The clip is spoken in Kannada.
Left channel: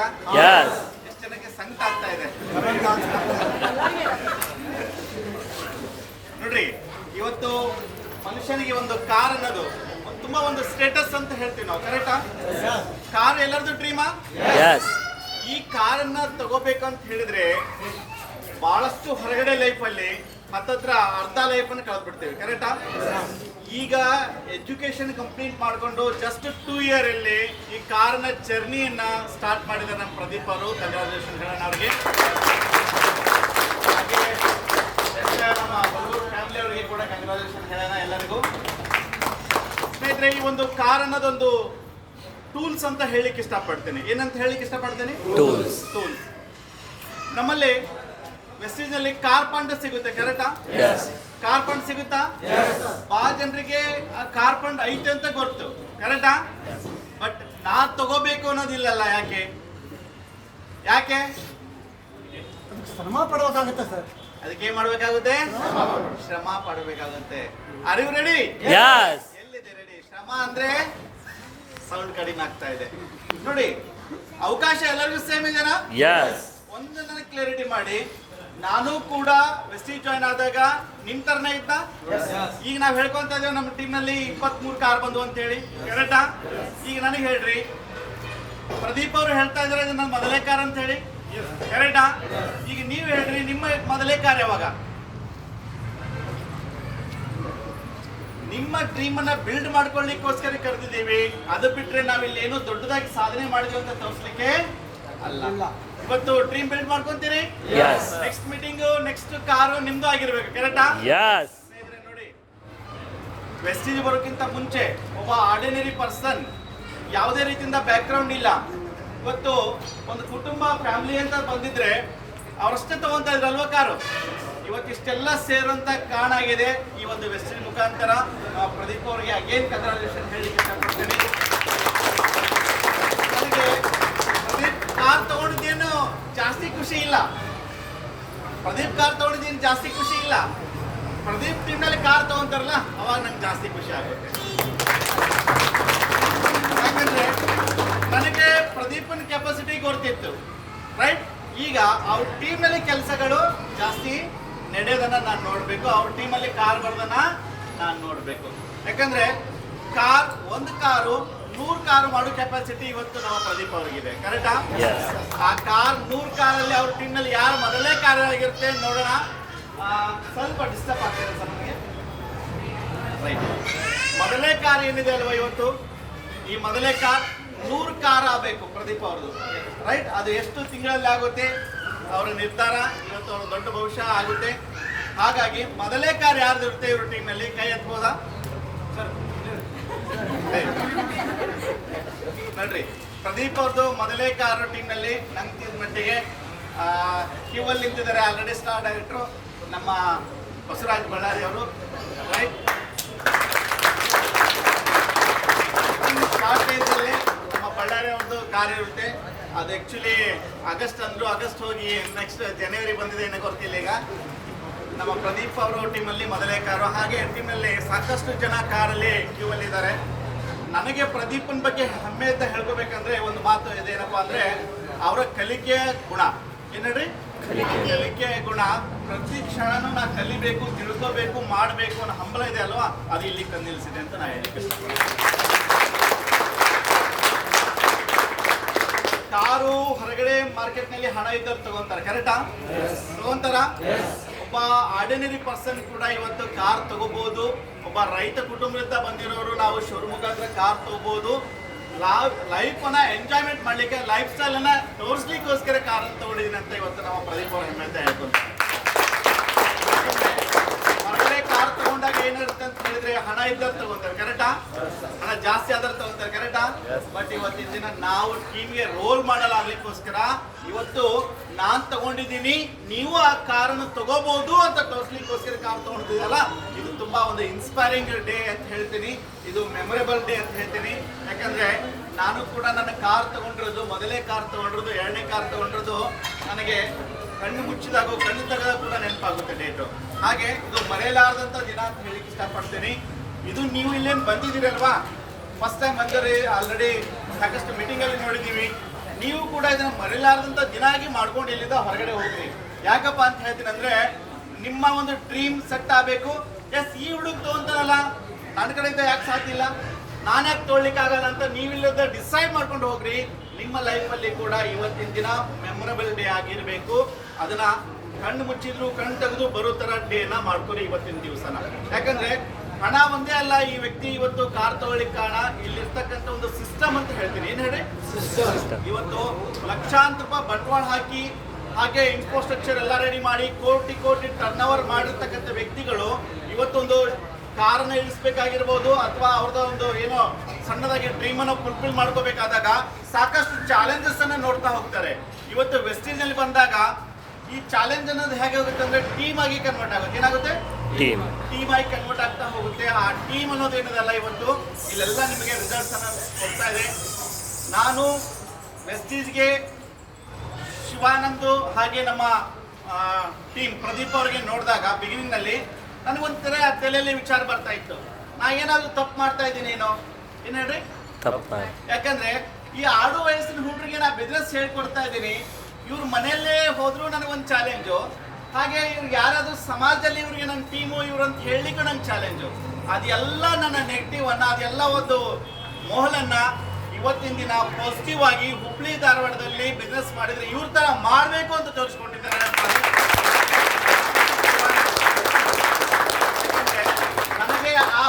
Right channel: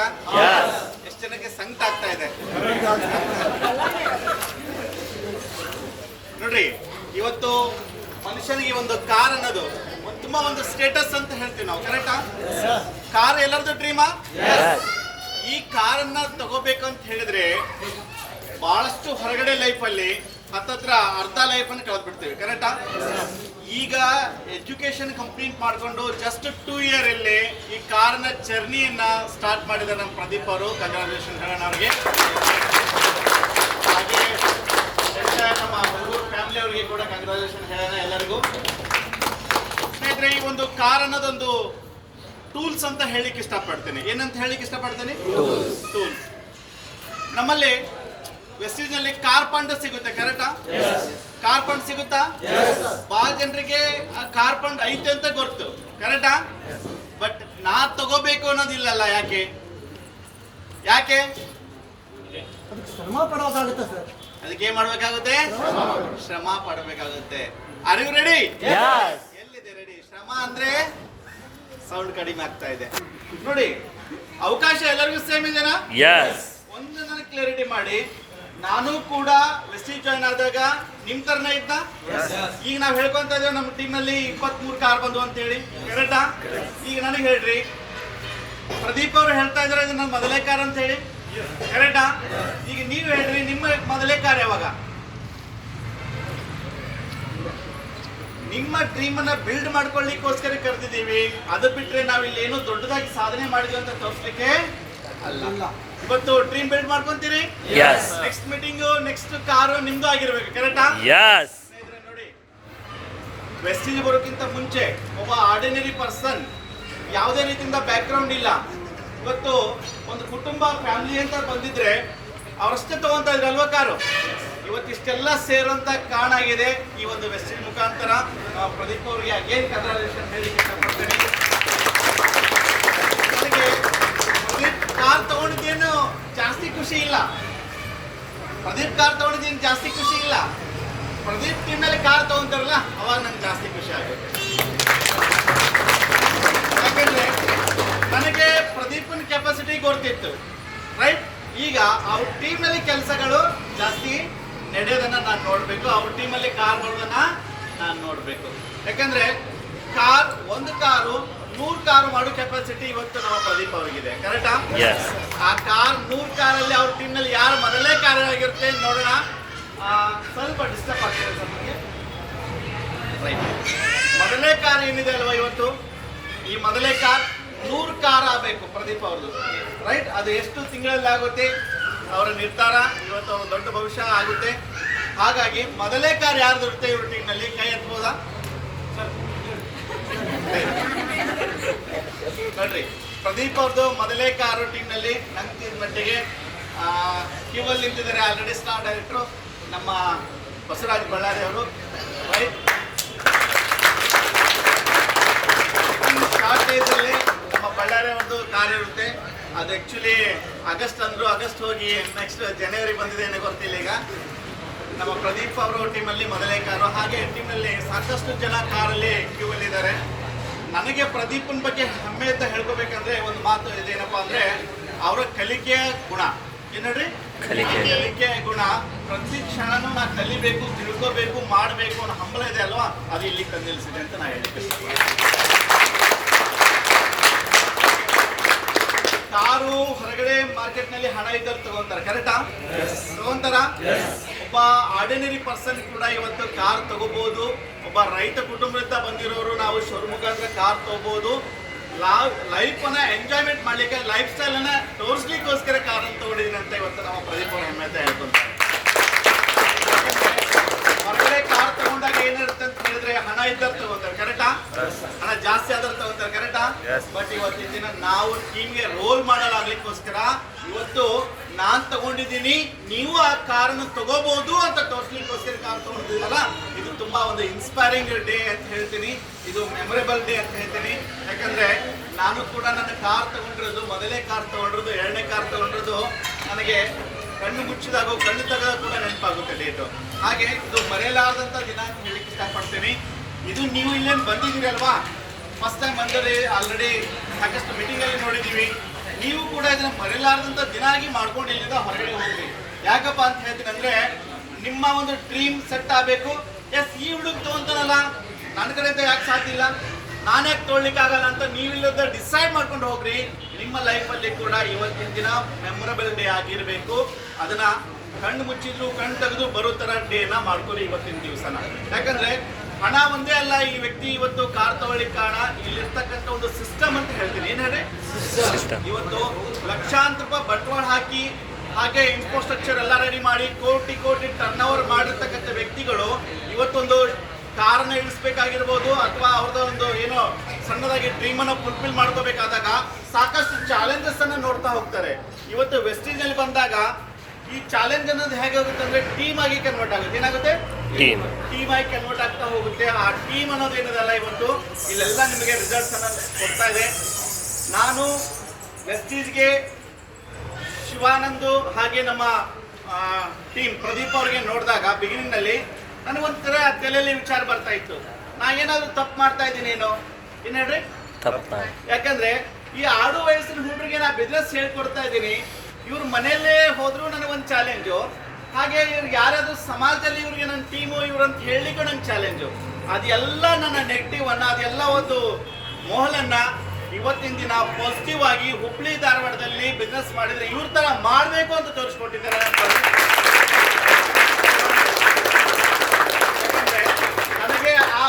ಇದ್ದೀರಾ. ಎಷ್ಟು ಜನಕ್ಕೆ ಸಂಕಟ ಆಗ್ತಾ ಇದೆ? ನೋಡ್ರಿ ಇವತ್ತು ಮನುಷ್ಯನಿಗೆ ಒಂದು ಕಾರ್ ಅನ್ನೋದು ತುಂಬಾ ಒಂದು ಸ್ಟೇಟಸ್ ಅಂತ ಹೇಳ್ತೀವಿ ನಾವು ಕರೆಕ್ಟಾ ಕಾರ್ ಎಲ್ಲರದು ಡ್ರೀಮಾ ಈ ಈ ಕಾರನ್ನ ತಗೋಬೇಕು ಅಂತ ಹೇಳಿದ್ರೆ ಬಹಳಷ್ಟು ಹೊರಗಡೆ ಲೈಫಲ್ಲಿ ಹತ್ತತ್ರ ಅರ್ಧ ಲೈಫನ್ನು ಕಳೆದ್ಬಿಡ್ತೀವಿ ಕರೆಕ್ಟಾ ಈಗ ಎಜುಕೇಶನ್ ಕಂಪ್ಲೀಟ್ ಮಾಡಿಕೊಂಡು ಜಸ್ಟ್ ಟೂ ಇಯರ್ ಅಲ್ಲಿ ಈ ಕಾರಿನ ಜರ್ನಿಯನ್ನ ಸ್ಟಾರ್ಟ್ ಮಾಡಿದ ನಮ್ಮ ಪ್ರದೀಪ್ ಅವರು. ಕಂಗ್ರಾಚುಲೇಷನ್ ಹೇಳೋಣ ಅವರಿಗೆ. ಹಾಗೆ ನಮ್ಮ ಫ್ಯಾಮಿಲಿ ಅವರಿಗೆ ಕೂಡ ಕಂಗ್ರಾಚುಲೇಷನ್ ಹೇಳೋಣ ಎಲ್ಲರಿಗೂ. ಸ್ನೇಹಿತರೆ ಈ ಒಂದು ಕಾರ್ ಅನ್ನೋದೊಂದು ಟೂಲ್ಸ್ ಅಂತ ಹೇಳಿಕ್ಕೆ ಇಷ್ಟಪಡ್ತೇನೆ. ಏನಂತ ಹೇಳಿಕ್ಕೆ ಇಷ್ಟಪಡ್ತೇನೆ. ಟೂಲ್ಸ್ ನಮ್ಮಲ್ಲಿ ವೆಸ್ಟೀಸ್ನಲ್ಲಿ ಕಾರ್ ಫಂಡ್ ಸಿಗುತ್ತೆ ಕರೆಕ್ಟಾ ಕಾರ್ ಫಂಡ್ ಸಿಗುತ್ತಾ? ಬಹಳ ಜನರಿಗೆ ಆ ಕಾರ್ ಫಂಡ್ ಐತೆ ಅಂತ ಗೊತ್ತು ಕರೆಕ್ಟಾ ಬಟ್ ನಾ ತಗೋಬೇಕು ಅನ್ನೋದಿಲ್ಲಲ್ಲ ಯಾಕೆ? ಯಾಕೆ? ಶ್ರಮ ಪಡಬೇಕಾಗುತ್ತೆ ಸರ್. ಅದಕ್ಕೆ ಏನ್ ಮಾಡ್ಬೇಕಾಗುತ್ತೆ? ಶ್ರಮ ಪಡಬೇಕಾಗುತ್ತೆ. ಅರಿವು ಯು ರೆಡಿ. ಎಲ್ಲಿದೆ ರೆಡಿ ಶ್ರಮ ಅಂದ್ರೆ ಸೌಂಡ್ ಕಡಿಮೆ ಆಗ್ತಾ ಇದೆ. ನೋಡಿ ಅವಕಾಶ ಎಲ್ಲರಿಗೂ ಸೇಮ್ ಇದೆನಾ. ಒಂದು ನನಗೆ ಕ್ಲಾರಿಟಿ ಮಾಡಿ. ನಾನು ಕೂಡ ವೆಸ್ಟಿ ಜಾಯ್ನ್ ಆದಾಗ ನಿಮ್ ತರನೇ ಇದ್ದ ಈಗ ನಾವ್ ಹೇಳ್ಕೊಂತ ಇದೀವಿ ನಮ್ಮ ಟೀಮ್ನಲ್ಲಿ ಇಪ್ಪತ್ ಮೂರು ಕಾರ್ ಬಂದು ಅಂತ ಹೇಳಿ ಕರೆಕ್ಟಾ ಈಗ ನನಗೆ ಹೇಳ್ರಿ. ಪ್ರದೀಪ್ ಅವರು ಹೇಳ್ತಾ ಇದ್ರೆ ಇದು ನನ್ನ ಮೊದಲೇ ಕಾರ್ ಅಂತ ಹೇಳಿ ಕರೆಕ್ಟಾ ಈಗ ನೀವು ಹೇಳ್ರಿ ನಿಮ್ಮ ಮೊದಲೇ ಕಾರ್ ಯಾವಾಗ? ನಿಮ್ಮ ಡ್ರೀಮ್ ಅನ್ನ ಬಿಲ್ಡ್ ಮಾಡ್ಕೊಳ್ಳಿಕ್ಕೋಸ್ಕರ ಕರೆದಿದ್ದೀವಿ. ಅದು ಬಿಟ್ರೆ ನಾವಿಲ್ಲಿ ಏನು ದೊಡ್ಡದಾಗಿ ಸಾಧನೆ ಮಾಡಿದ್ವಿ ಅಂತ ತೋರಿಸ್ಲಿಕ್ಕೆ ಅಲ್ಲ. ಇವತ್ತು dream build ಮಾಡ್ಕೊಂತೀರಿ? Yes next meeting next car ನಿಮ್ದು ಆಗಿರ್ಬೇಕು ಕರೆಕ್ಟಾ ಎಸ್ ನೋಡಿ. ವೆಸ್ಟೇಜ್ ಬರೋಕ್ಕಿಂತ ಮುಂಚೆ ಒಬ್ಬ ಆರ್ಡಿನರಿ ಪರ್ಸನ್ ಯಾವುದೇ ರೀತಿಯಿಂದ ಬ್ಯಾಕ್ಗ್ರೌಂಡ್ ಇಲ್ಲ. ಇವತ್ತು ಒಂದು ಕುಟುಂಬ ಫ್ಯಾಮಿಲಿ ಅಂತ ಬಂದಿದ್ರೆ ಅವರಷ್ಟೇ ತಗೊಂತ ಇದ್ರು ಅಲ್ವಾ ಕಾರು? ಇವತ್ತಿಷ್ಟೆಲ್ಲ ಸೇರುವಂತ ಕಾರಣ ಆಗಿದೆ ಈ ಒಂದು ವೆಸ್ಟೇಜ್ ಮುಖಾಂತರ. ಪ್ರದೀಪ್ ಅವರಿಗೆ ಅಗೇನ್ ಕಂಗ್ರಾಚುಲೇಷನ್ ಹೇಳಿ ಇಷ್ಟಪಡ್ತೀನಿ. ನನಗೆ ಪ್ರದೀಪ್ ಕಾರ್ ತಗೊಂಡಿದ್ದೇನು ಜಾಸ್ತಿ ಖುಷಿ ಇಲ್ಲ. ಪ್ರದೀಪ್ ಕಾರ್ ತಗೊಂಡಿದ್ದೀನಿ ಜಾಸ್ತಿ ಖುಷಿ ಇಲ್ಲ. ಪ್ರದೀಪ್ ಟೀಮ್ನಲ್ಲಿ ಕಾರ್ ತಗೊಂತಾರಲ್ಲ, ಅವಾಗ ನಂಗೆ ಜಾಸ್ತಿ ಖುಷಿ ಆಗುತ್ತೆ. ಯಾಕಂದ್ರೆ ನನಗೆ ಪ್ರದೀಪನ ಕೆಪಾಸಿಟಿ ಗೊತ್ತಿತ್ತು ರೈಟ್ ಈಗ ಅವ್ರ ಟೀಮ್ನಲ್ಲಿ ಕೆಲಸಗಳು ಜಾಸ್ತಿ ನಡೆಯೋದನ್ನ ನಾನು ನೋಡ್ಬೇಕು, ಅವ್ರ ಟೀಮ್ ಅಲ್ಲಿ ಕಾರ್ ಬರೋದನ್ನ ನಾನು ನೋಡ್ಬೇಕು. ಯಾಕಂದ್ರೆ ಕಾರ್, ಒಂದು ಕಾರು ನೂರು ಕಾರ್ ಮಾಡೋ ಕೆಪಾಸಿಟಿ ಇವತ್ತು ನಮ್ಮ ಪ್ರದೀಪ್ ಅವ್ರಿಗಿದೆ. ಕರೆಕ್ಟಾ. ಆ? ಕಾರ್ ನೂರ್ ಕಾರಲ್ಲಿ ಅವ್ರ ಟೀಮ್ನಲ್ಲಿ ಯಾರು ಮೊದಲೇ ಕಾರ್ ಆಗಿರುತ್ತೆ ನೋಡೋಣ. ಸ್ವಲ್ಪ ಡಿಸ್ಟರ್ಬ್ ಆಗ್ತಿದೆ ಸರ್ ನಮಗೆ. ರೈಟ್ ಮೊದಲೇ ಕಾರ್ ಏನಿದೆ ಅಲ್ವಾ ಇವತ್ತು? ಈ ಮೊದಲೇ ಕಾರ್ ನೂರು ಕಾರ್ ಆಗಬೇಕು ಪ್ರದೀಪ್ ಅವ್ರದ್ದು. ರೈಟ್ ಅದು ಎಷ್ಟು ತಿಂಗಳಲ್ಲಿ ಆಗುತ್ತೆ? ಅವರ ನಿರ್ಧಾರ. ಇವತ್ತು ಅವ್ರ ದೊಡ್ಡ ಭವಿಷ್ಯ ಆಗುತ್ತೆ. ಹಾಗಾಗಿ ಮೊದಲೇ ಕಾರ್ ಯಾರ್ದು ಇರುತ್ತೆ ಇವ್ರ ಟೀಮ್ನಲ್ಲಿ ಕೈ ಎತ್ಬೋದಾ? ನೋಡ್ರಿ ಪ್ರದೀಪ್ ಅವ್ರದ್ದು ಮೊದಲೇ ಕಾರು ಟೀಮ್ನಲ್ಲಿ ನಂಗೆ ಮಟ್ಟಿಗೆ ಕ್ಯೂ ಅಲ್ಲಿ ನಿಂತಿದ್ದಾರೆ ಆಲ್ರೆಡಿ ಸ್ಟಾರ್ ಡೈರೆಕ್ಟ್ರು ನಮ್ಮ ಬಸವರಾಜ್ ಬಳ್ಳಾರಿ ಅವರು. ರೈಟ್ ಶಾರ್ಟ್ ಡೇಸಲ್ಲಿ ನಮ್ಮ ಬಳ್ಳಾರಿ ಅವ್ರದ್ದು ಕಾರ್ ಇರುತ್ತೆ. ಅದು ಆ್ಯಕ್ಚುಲಿ ಆಗಸ್ಟ್ ಅಂದ್ರು ಆಗಸ್ಟ್ ಹೋಗಿ ನೆಕ್ಸ್ಟ್ ಜನವರಿ ಬಂದಿದೆ ಏನೋ ಗೊತ್ತಿಲ್ಲ ಈಗ. ನಮ್ಮ ಪ್ರದೀಪ್ ಅವರು ಟೀಮಲ್ಲಿ ಮೊದಲೇ ಕಾರು. ಹಾಗೆ ಟೀಮಲ್ಲಿ ಸಾಕಷ್ಟು ಜನ ಕಾರಲ್ಲಿ ಕ್ಯೂ ಅಲ್ಲಿ ಇದ್ದಾರೆ. ನನಗೆ ಪ್ರದೀಪನ್ ಬಗ್ಗೆ ಹೆಮ್ಮೆ ಅಂತ ಹೇಳ್ಕೋಬೇಕಂದ್ರೆ ಒಂದು ಮಾತು ಇದೇನಪ್ಪ ಅಂದ್ರೆ ಅವರ ಕಲಿಕೆಯ ಗುಣ. ಏನಡ್ರಿ? ಕಲಿಕೆ. ಕಲಿಕೆಯ ಗುಣ. ಪ್ರತಿ ಕ್ಷಣನೂ ನಾ ಕಲಿಬೇಕು ತಿಳ್ಕೋಬೇಕು ಮಾಡಬೇಕು ಅನ್ನೋ ಹಂಬಲ ಇದೆ ಅಲ್ವಾ? ಅದು ಇಲ್ಲಿ ತಂದಿಲ್ಸಿದೆ ಅಂತ ನಾ ಹೇಳಿ ಕಾರು ಹೊರಗಡೆ ಮಾರ್ಕೆಟ್ನಲ್ಲಿ ಹಣ ಇದ್ದವ್ರು ತಗೊಂತಾರ. ಕರೆಕ್ಟಾ? ತಗೊಂತಾರ? ಒಬ್ಬ ಆರ್ಡಿನರಿ ಪರ್ಸನ್ ಕೂಡ ಇವತ್ತು ಕಾರ್ ತಗೋಬಹುದು ಒಬ್ಬ ರೈತ ಕುಟುಂಬದಿಂದ ಬಂದಿರೋರು ನಾವು ಶೋರೂಮ್ ಮುಖಾಂತರ ಕಾರ್ ತಗೋಬಹುದು ಲೈಫ್ ಅನ್ನ ಎಂಜಾಯ್ಮೆಂಟ್ ಮಾಡ್ಲಿಕ್ಕೆ ಲೈಫ್ ಸ್ಟೈಲ್ ಅನ್ನ ತೋರಿಸ್ಲಿಕ್ಕೋಸ್ಕರ ಕಾರ್ ಅಂತ ತಗೊಂಡಿದ್ದೀನಿ ಅಂತ ಇವತ್ತು ನಾವು ಪ್ರದೀಪ್ ಅವರ ಹೆಮ್ಮೆ ಹೇಳ್ಕೊಂತಾರೆ ಯಾಕಂದ್ರೆ ಹೊರಗಡೆ ಕಾರ್ ತಗೊಂಡಾಗ ಏನಿರುತ್ತೆ ಅಂತ ಹೇಳಿದ್ರೆ ಹಣ ಇದ್ದಾರೆ ತಗೋತಾರೆ ಕರೆಕ್ಟಾ ಹಣ ಜಾಸ್ತಿ ಆದ್ರೆ ತಗೋತಾರೆ ಕರೆಕ್ಟಾ ಬಟ್ ಇವತ್ತಿನ ದಿನ ನಾವು ಟೀಮ್ಗೆ ರೋಲ್ ಮಾಡಲ್ ಆಗ್ಲಿಕ್ಕೋಸ್ಕರ ಇವತ್ತು ನಾನ್ ತಗೊಂಡಿದ್ದೀನಿ ನೀವು ಆ ಕಾರನ್ನು ತಗೋಬಹುದು ಅಂತ ತೋರಿಸ್ಲಿಕ್ಕೋಸ್ಕರ ಕಾರ್ ತಗೊಂಡಿದ್ದೀರಲ್ಲ? ಇದು ತುಂಬಾ ಒಂದು ಇನ್ಸ್ಪೈರಿಂಗ್ ಡೇ ಅಂತ ಹೇಳ್ತೀನಿ. ಇದು ಮೆಮೊರೇಬಲ್ ಡೇ ಅಂತ ಹೇಳ್ತೀನಿ. ಯಾಕಂದ್ರೆ ನಾನು ಕೂಡ ನನ್ನ ಕಾರ್ ತಗೊಂಡಿರೋದು ಮೊದಲೇ ಕಾರ್ ತಗೊಂಡಿರೋದು ಎರಡನೇ ಕಾರ್ ತಗೊಂಡಿರೋದು ನನಗೆ ಕಣ್ಣು ಮುಚ್ಚಿದಾಗ, ಕಣ್ಣು ತೆಗೆದಾಗ ಕೂಡ ನೆನಪಾಗುತ್ತೆ ಡೇಟು ಹಾಗೆ ಇದು ಮರೆಯಲಾರದಂತ ದಿನ ಅಂತ ಹೇಳಿಕ್ಕೆ ಇಷ್ಟಪಡ್ತೀನಿ. ಇದು ನೀವು ಇಲ್ಲೇನು ಬಂದಿದ್ದೀರಿ ಫಸ್ಟ್ ಟೈಮ್ ಬಂದರೆ ಆಲ್ರೆಡಿ ಸಾಕಷ್ಟು ಮೀಟಿಂಗ್ ಅಲ್ಲಿ ನೋಡಿದೀವಿ ನೀವು ಕೂಡ ಇದನ್ನ ಮರೆಯಲಾರದಂತ ದಿನಾಗಿ ಮಾಡ್ಕೊಂಡು ಇಲ್ಲಿಂದ ಹೊರಗಡೆ ಹೋಗ್ರಿ. ಯಾಕಪ್ಪ ಅಂತ ಹೇಳ್ತೀನಿ ಅಂದ್ರೆ, ನಿಮ್ಮ ಒಂದು ಡ್ರೀಮ್ ಸೆಟ್ ಆಗಬೇಕು. ಎಸ್ ಈ ಹುಡುಗ ಅಂತನಲ್ಲ ನನ್ನ ಕಡೆಯಿಂದ ಯಾಕೆ ಸಾಧ್ಯ ಇಲ್ಲ? ಯಾಕೆ ತೊಗೊಳ್ಲಿಕ್ಕೆ ಆಗಲ್ಲ ಅಂತ ನೀವಿಲ್ಲದ ಡಿಸೈಡ್ ಮಾಡ್ಕೊಂಡು ಹೋಗ್ರಿ. ನಿಮ್ಮ ಲೈಫಲ್ಲಿ ಕೂಡ ಇವತ್ತಿನ ದಿನ ಮೆಮೊರಬಲ್ ಡೇ ಆಗಿರಬೇಕು. ಅದನ್ನ ಕಣ್ಣು ಮುಚ್ಚಿದ್ರು ಕಣ್ಣು ತೆಗೆದು ಬರೋ ತರ ಡೇನ ಮಾಡ್ಕೊಳ್ಳಿ ಇವತ್ತಿನ ದಿವಸನ. ಯಾಕಂದ್ರೆ ಹಣ ಒಂದೇ ಅಲ್ಲ ಈ ವ್ಯಕ್ತಿ ಇವತ್ತು ಕಾರ್ ತಗೊಳ್ಳಿಕ್ ಕಾರಣ. ಇಲ್ಲಿರ್ತಕ್ಕಂಥ ಒಂದು ಸಿಸ್ಟಮ್ ಅಂತ ಹೇಳ್ತೀನಿ. ಏನ್ ಹೇಳಿ ಇವತ್ತು ಲಕ್ಷಾಂತರ ರೂಪಾಯಿ ಬಂಡವಾಳ ಹಾಕಿ ಹಾಗೆ ಇನ್ಫ್ರಾಸ್ಟ್ರಕ್ಚರ್ ಎಲ್ಲ ರೆಡಿ ಮಾಡಿ ಕೋಟಿ ಕೋಟಿ ಟರ್ನ್ ಓವರ್ ಮಾಡಿರ್ತಕ್ಕಂಥ ವ್ಯಕ್ತಿಗಳು ಇವತ್ತೊಂದು ಕಾರನ್ನ ಇಳಿಸ್ಬೇಕಾಗಿರ್ಬೋದು ಅಥವಾ ಅವ್ರದ್ದು ಒಂದು ಏನೋ ಸಣ್ಣದಾಗಿ ಡ್ರೀಮ್ ಅನ್ನು ಫುಲ್ಫಿಲ್ ಮಾಡ್ಕೋಬೇಕಾದಾಗ ಸಾಕಷ್ಟು ಚಾಲೆಂಜಸ್ ಅನ್ನ ನೋಡ್ತಾ ಹೋಗ್ತಾರೆ. ಇವತ್ತು ನಲ್ಲಿ ಬಂದಾಗ ಈ ಚಾಲೆಂಜ್ ಅನ್ನೋದು ಹೇಗೆ ಹೋಗುತ್ತೆ ಅಂದ್ರೆ ಟೀಮ್ ಆಗಿ ಕನ್ವರ್ಟ್ ಆಗುತ್ತೆ. ಏನಾಗುತ್ತೆ? ಟೀಮ್ ಟೀಮ್ ಆಗಿ ಕನ್ವರ್ಟ್ ಆಗ್ತಾ ಹೋಗುತ್ತೆ. ಆ ಟೀಮ್ ಅನ್ನೋದು ಏನದಲ್ಲ ಇವತ್ತು? ಇಲ್ಲೆಲ್ಲ ನಿಮಗೆ ರಿಸಲ್ಟ್ಸ್ ಅನ್ನೋದು ಕೊಡ್ತಾ ಇದೆ. ನಾನು ಮೆಸ್ಟೀಸ್ಗೆ ಶಿವಾನಂದು ಹಾಗೆ ನಮ್ಮ ಟೀಮ್ ಪ್ರದೀಪ್ ಅವ್ರಿಗೆ ನೋಡಿದಾಗ ಬಿಗಿನಿಂಗ್ನಲ್ಲಿ ನನಗೊಂಥರ ತಲೆಯಲ್ಲಿ ವಿಚಾರ ಬರ್ತಾ ಇತ್ತು. ನಾ ಏನಾದ್ರು ತಪ್ಪು ಮಾಡ್ತಾ ಇದ್ದೀನಿ ಏನು? ಏನ್ ಹೇಳ್ರಿ? ಯಾಕಂದ್ರೆ ಈ ಆಡು ವಯಸ್ಸಿನ ಹುಡುಗರಿಗೆ ನಾ ಬಿಸ್ನೆಸ್ ಹೇಳ್ಕೊಡ್ತಾ ಇದ್ದೀನಿ. ಇವ್ರ ಮನೆಯಲ್ಲೇ ಹೋದ್ರು ನನಗೊಂದು ಚಾಲೆಂಜು ಹಾಗೆ ಇವ್ರು ಯಾರಾದ್ರೂ ಸಮಾಜದಲ್ಲಿ ಇವ್ರಿಗೆ ನನ್ನ ಟೀಮು ಇವ್ರು ಅಂತ ಹೇಳಲಿಕ್ಕೆ ನಂಗೆ ಚಾಲೆಂಜು ಅದೆಲ್ಲ ನನ್ನ ನೆಗೆಟಿವ್ ಅನ್ನ, ಅದೆಲ್ಲ ಒಂದು ಮೋಹಲನ್ನ ಇವತ್ತಿನ ದಿನ ಪಾಸಿಟಿವ್ ಆಗಿ ಹುಬ್ಳಿ ಧಾರವಾಡದಲ್ಲಿ ಬಿಸ್ನೆಸ್ ಮಾಡಿದ್ರೆ ಇವ್ರ ಥರ ಮಾಡಬೇಕು ಅಂತ ಪ್ರದೀಪ್